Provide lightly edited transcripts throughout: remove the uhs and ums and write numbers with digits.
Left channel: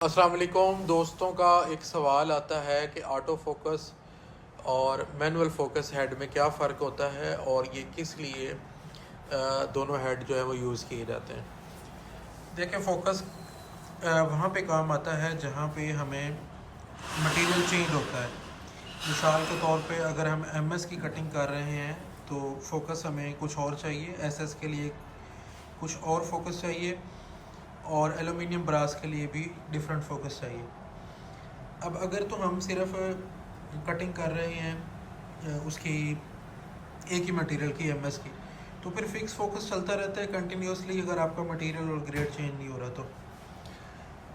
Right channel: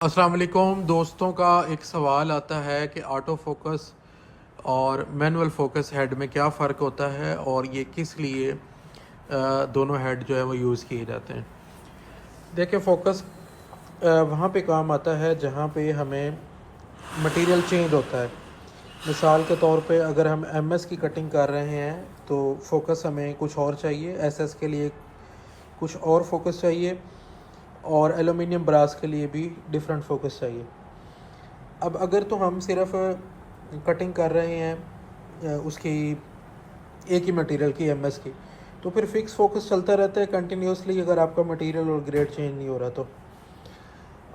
अस्सलाम वालेकुम दोस्तों का एक सवाल आता है कि ऑटो फोकस और मैनुअल फोकस हेड में क्या फ़र्क होता है और ये किस लिए दोनों हेड जो है वो यूज़ किए जाते हैं। देखिए फोकस वहाँ पे काम आता है जहाँ पे हमें मटेरियल चेंज होता है। मिसाल के तौर पे अगर हम एमएस की कटिंग कर रहे हैं तो फोकस हमें कुछ और चाहिए, एसएस के लिए कुछ और फोकस चाहिए और एलुमिनियम ब्रास के लिए भी डिफरेंट फोकस चाहिए। अब अगर तो हम सिर्फ कटिंग कर रहे हैं उसकी एक ही मटेरियल की एमएस की, तो फिर फिक्स फोकस चलता रहता है कंटिन्यूसली अगर आपका मटेरियल और ग्रेड चेंज नहीं हो रहा तो।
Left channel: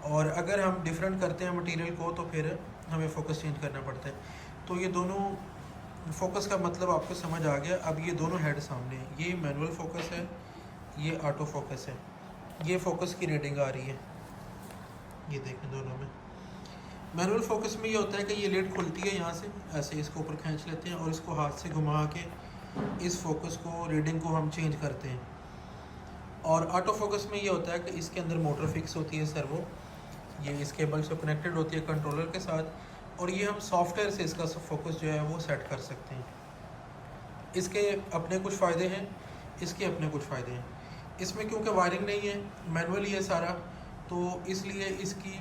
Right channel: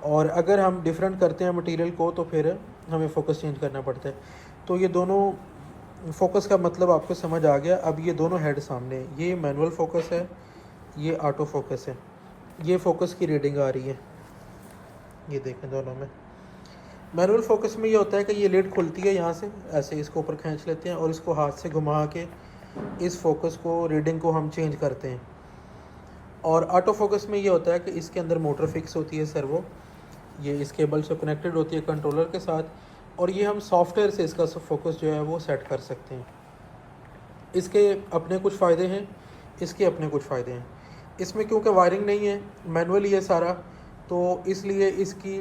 और अगर हम डिफरेंट करते हैं मटेरियल को तो फिर हमें फोकस चेंज करना पड़ता है। तो ये दोनों फोकस का मतलब आपको समझ आ गया। अब ये दोनों हेड सामने हैं, ये मैनुअल फोकस है, ये ऑटो फोकस है। ये फोकस की रीडिंग आ रही है, ये देखें दोनों में। मैनुअल फोकस में ये होता है कि ये लेड खुलती है यहाँ से, ऐसे इसको ऊपर खींच लेते हैं और इसको हाथ से घुमा के इस फोकस को, रीडिंग को हम चेंज करते हैं। और ऑटो फोकस में ये होता है कि इसके अंदर मोटर फिक्स होती है सर्वो, ये इस केबल से कनेक्टेड होती है कंट्रोलर के साथ, और ये हम सॉफ्टवेयर से इसका फोकस जो है वो सेट कर सकते हैं। इसके अपने कुछ फ़ायदे हैं, इसके अपने कुछ फ़ायदे हैं। इसमें क्योंकि वायरिंग नहीं है, मैनुअली है सारा, तो इसलिए इसकी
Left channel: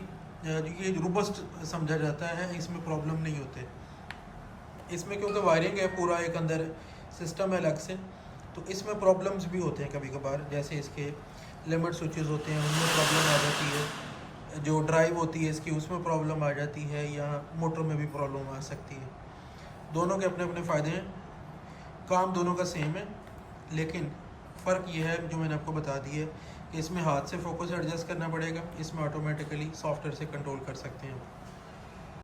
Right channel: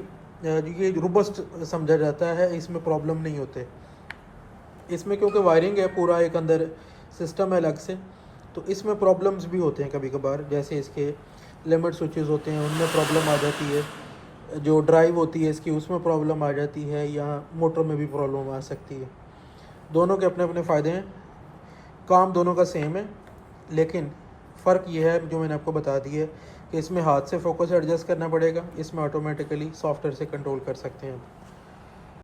ये रोबस्ट समझा जाता है, इसमें प्रॉब्लम नहीं होते। इसमें क्योंकि वायरिंग है, पूरा एक अंदर सिस्टम है अलग से, तो इसमें प्रॉब्लम्स भी होते हैं कभी कभार। जैसे इसके लिमिट स्विचेस होते हैं, उनमें प्रॉब्लम आ जाती है, जो ड्राइव होती है इसकी उसमें प्रॉब्लम आ जाती है, या मोटर में भी प्रॉब्लम आ सकती है। दोनों के अपने अपने फ़ायदे हैं, काम दोनों का सेम है, लेकिन फ़र्क ये है जो मैंने आपको बता दिया है कि इसमें हाथ से फोकस एडजस्ट करना पड़ेगा, इसमें ऑटोमेटिकली सॉफ्टवेयर से कंट्रोल कर सकते हैं।